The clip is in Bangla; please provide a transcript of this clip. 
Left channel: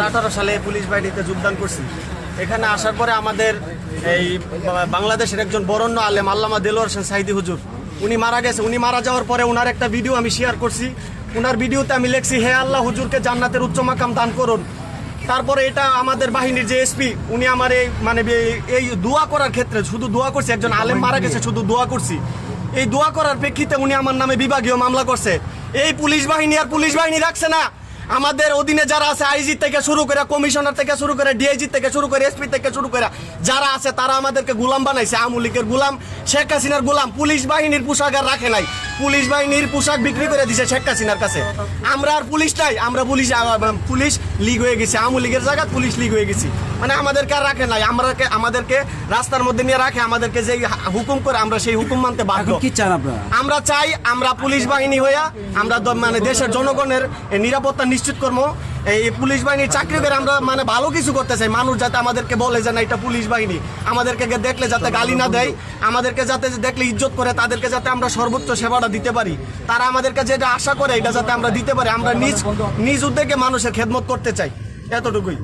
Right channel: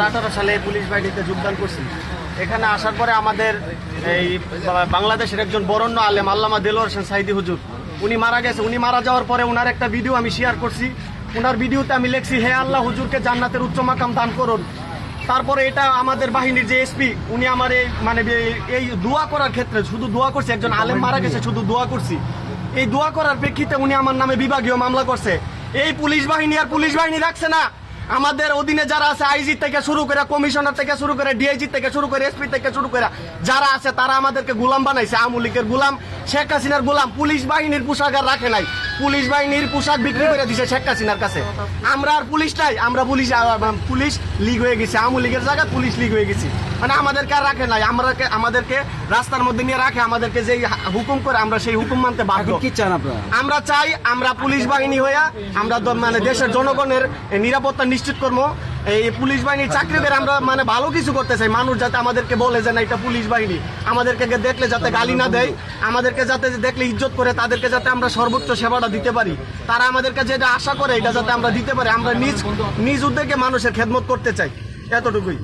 আঠারো সালে পুলিশ বাহিনীতে যোগদান করছি। এখানে আসার পরে আমাদের এই বাংলাদেশের একজন বরণ্য আলেম আল্লামা দেলোয়ার হোসেন সাইদি হুজুর। উনি মারা গেছে। উনি মারা যাওয়ার পরে ওনার একটা ভিডিও আমি শেয়ার করছি। ওনার ভিডিওতে আমি লিখছি হে আল্লাহ হুজুরকে জান্নাতের উচ্চ মাকাম দান করুন। তারপরে এটা আমাদের বাহিনীর যে এসপি উনি আমার এই মানে এই- এই দোয়া করার ক্ষেত্রে শুধু দোয়া করছি। একজন আলেম মারা গেছে শুধু দোয়া করছি। এই দোয়া করার প্রেক্ষিতে উনি আমার নামে বিভাগীয় মামলা করছে। এই পুলিশ বাহিনী আর পুলিশ বাহিনী রাখছে না। আমাদের অধীনে যারা আছে আইজি থেকে শুরু করে কমিশনার থেকে শুরু করে ডিআইজি থেকে শুরু করে এসপি থেকে শুরু করে যারা আছে, তারা আমাদেরকে গুলাম বানাইছে। আওয়ামী লীগের গুলাম, শেখ হাসিনার গুলাম, পুলিশ বাহিনীর পোশাকার রাখে নাই। পুলিশ বাহিনীর পোশাক বিক্রি করে দিছে শেখ হাসিনার কাছে। আমরা আর পুলিশ নাই আমরা পুলিশ পুলিশ লিগ হয়ে গেছি। আওয়ামী লীগের জায়গা পুলিশ লিগ হয়ে গেছি। মানে আমাদেরকে আর রাখে নাই আমরা আমাদেরকে রাস্তার মধ্যে নিয়ে রাখে আমাদেরকে যে হুকুম করে আমরা সেই হুকুম মানতে বাধ্য। কি চান আপনারা? আমরা চাই আমরা পুলিশ বাহিনী হইয়া আমরা মানে দেশের জনগণের নিরাপত্তা নিশ্চিত করব। এই পুলিশ বাহিনীর চাকরি করে আমরা মানে ভালো কিছু করতে চাই। মানুষ যাতে আমাদেরকে বলে যে না, এটা পুলিশ বাহিনী। আমাদেরকে দেখলে যাতে গালি না দেয়, আমাদেরকে যাতে দেখলে ইজ্জত করে, তাদেরকে যাতে আমরা সর্বোচ্চ সেবাটা দিতে পারি। তারা আমাদেরকে যেটা আশা করে, এটা যাতে আমরা দিতে পারি। আমরা নিজ নিজ উদ্যোগে মানুষের খেদমত করতে চাই। এতটুকুই।